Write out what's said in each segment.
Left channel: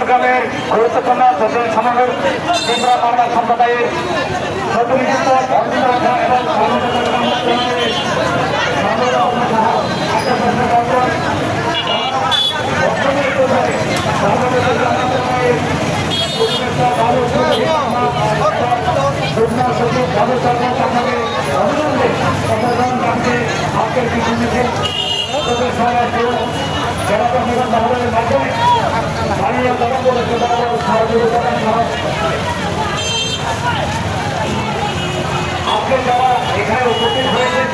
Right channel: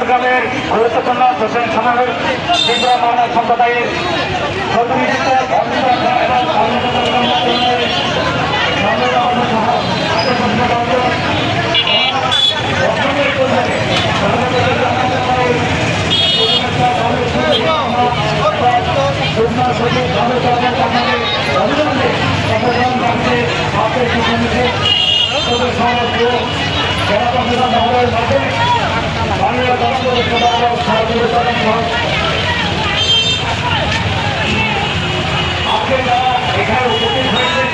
চট্টগ্রামের গুরুত্বপূর্ণ সোশ্যাল সমাবেশ ত্রিপুরা মানব সম্প্রদায়ের প্রতিনিধিত্ব আজকে যারা এখানে উপস্থিত হয়েছেন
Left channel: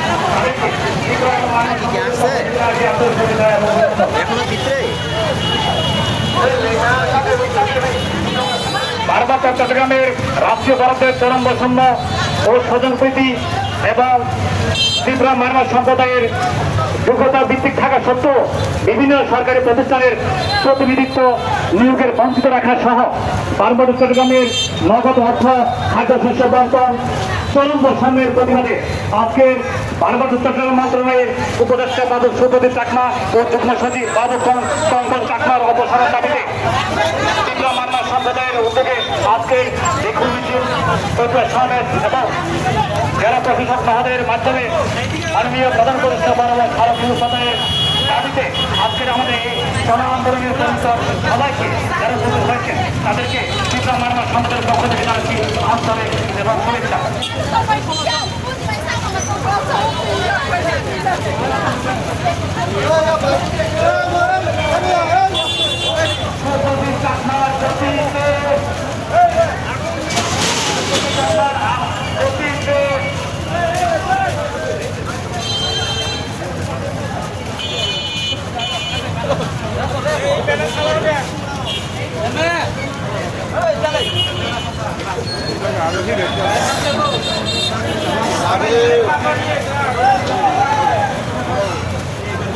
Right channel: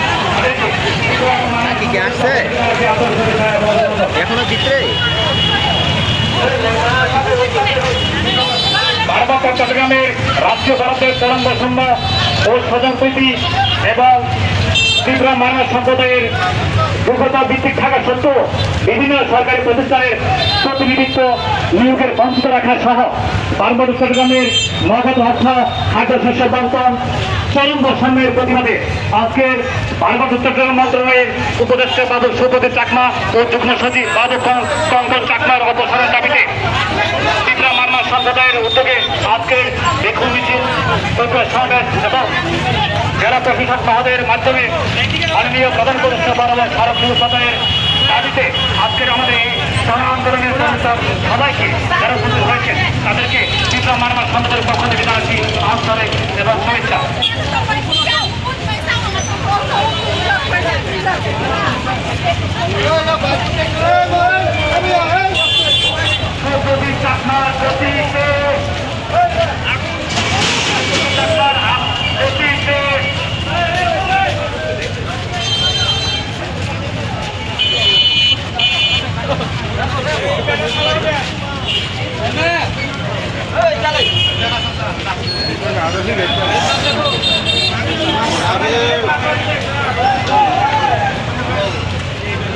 পার্বত্য চট্টগ্রামের রাষ্ট্রীয় ভারতের চরম বৈষম্য ও স্বজনপ্রীতি এবং ত্রিপুরা মানব সম্প্রদায়ের যোগ্যতা ভিত্তিক থাকা সত্ত্বেও বিভিন্ন সরকারি প্রতিষ্ঠানের প্রতিনিধিত্ব নিয়োগের বঞ্চিত রাখা সহ পার্বত্য চট্টগ্রামের নগদ অর্থ খাদ্যশস্য বন্টন চরম বৈষম্যের প্রতিবাদে আজকের পার্বত্য চট্টগ্রাম মন্ত্রণালয়ের উপদেষ্টা বাবু সুপতি চাকমা ও যুগ্ম সচিব বাবু কঙ্কন চাকমার অপসারণ দাবিতে ত্রিপুরা মানব সম্প্রদায়ের উদ্যোগে আজকের দেখুন মিছিল সমাবেশ এবং জেলা প্রশাসক মহোদয়ের মাধ্যমে মাননীয় প্রধান উপদেষ্টা বরাবর ভারত প্রদানের দাবিতে আজকের আমাদের এই গণ আন্দোলনের সবাইকে যারা উপস্থিত হয়েছেন তাদেরকে ত্রিপুরা মানব সম্প্রদায়ের পক্ষ থেকে জানাচ্ছি আন্তরিক এবং শুভেচ্ছা।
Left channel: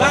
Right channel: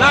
না